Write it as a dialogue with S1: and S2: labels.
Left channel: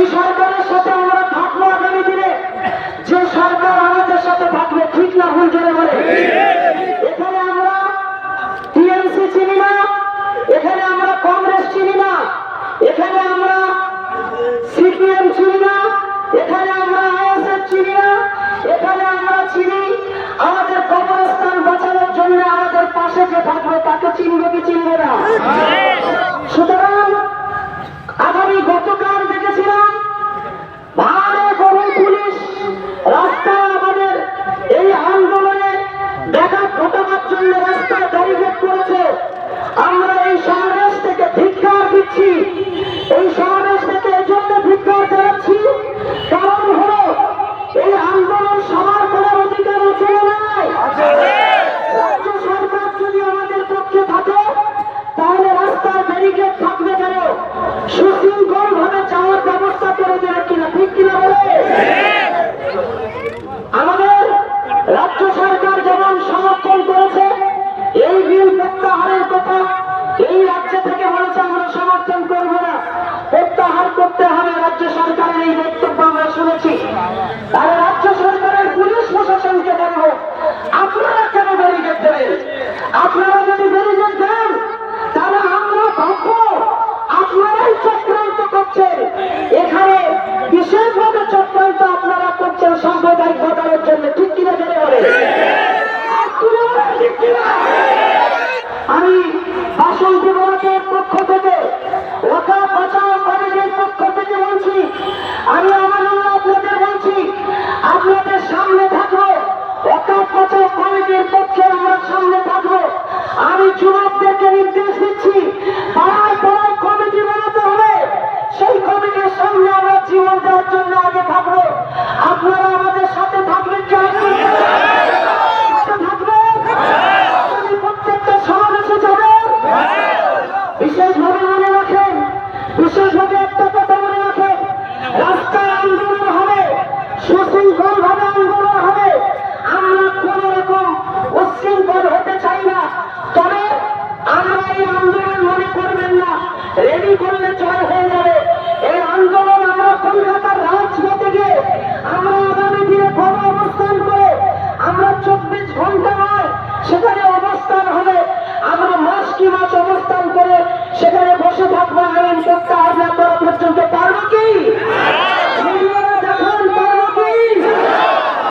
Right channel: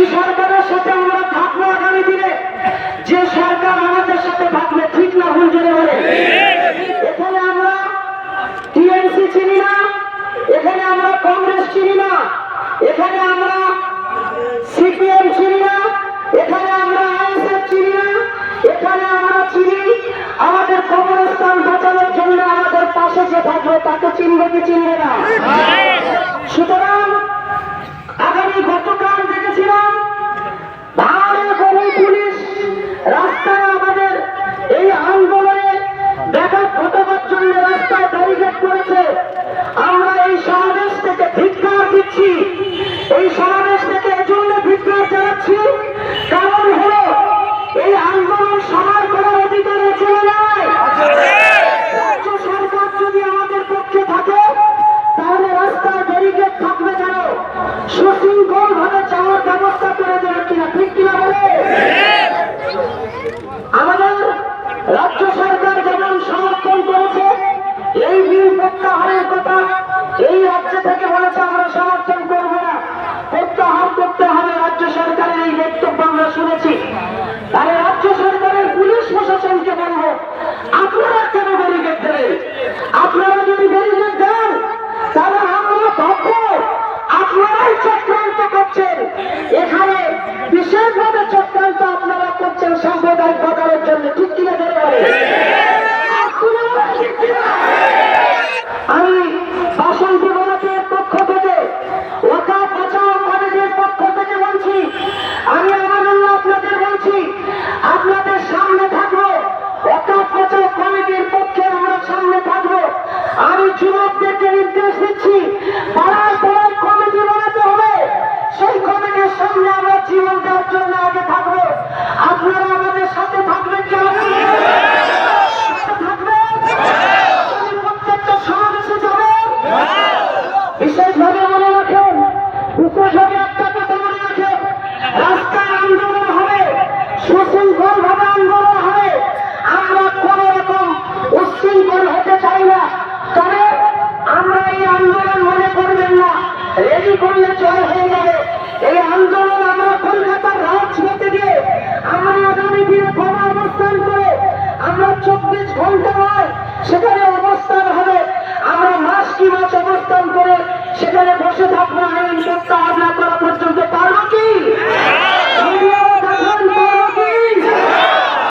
S1: এই সরকারের সাথে আমরা থাকব আগামী দিনে। যে সরকার আমাদের সাথে থাকবে ঠিক না ভুল জেনে বলে। এখানে আমরা টিএমসি চিনি না এই বিল প্রত্যাহারের কথা এই রাজ্য থেকে বলেছে, আমরা সমর্থন করব না। প্রত্যাহার করতে হবে, রাজ্য সরকারের এই বক্তব্য আমরা শুনেছি। তাহলে রাজ্য সরকারের পুলিশ প্রশাসনকে বলব, আপনারা কেন ব্যারিকেড দেবেন? আপনারা যদি ব্যারিকেড দেন, তাহলে আমরা ভাববো, আপনারাই চক্রান্ত করছেন। এখানে বিশেষভাবে চক্রান্ত আপনারা করছেন সাম্প্রদায়িক ঘটানোর জন্য, ঠিক কিনা জেনে বলে দেওয়ার জন্য আগে থাকব। আপনারা আমাদের সাথে থাকবেন কি? থাকবেন? প্রত্যেকটা সমাবেশে বিশেষভাবে মনে রাখেন, বিশেষভাবে একটা মনে রাখেন আন্দোলন হবে আন্দোলন হবে। আমরা কোন রকম হতে চাই না। তবে আমরা আন্দোলন মনে করবেন না। রেডি করলে জয় হয়ে যাবে। এই আন্দোলন আমরা কলকাতার রাজপথে গিয়ে আমরা আগামী দিনে গণ অবস্থান করে আমরা চব্বিশ ঘণ্টা নয়, সেখানে অবস্থান হবে আমরা মাস কি অবস্থান করে সেখানে বসে থাকব, আইন প্রত্যাহার না করা পর্যন্ত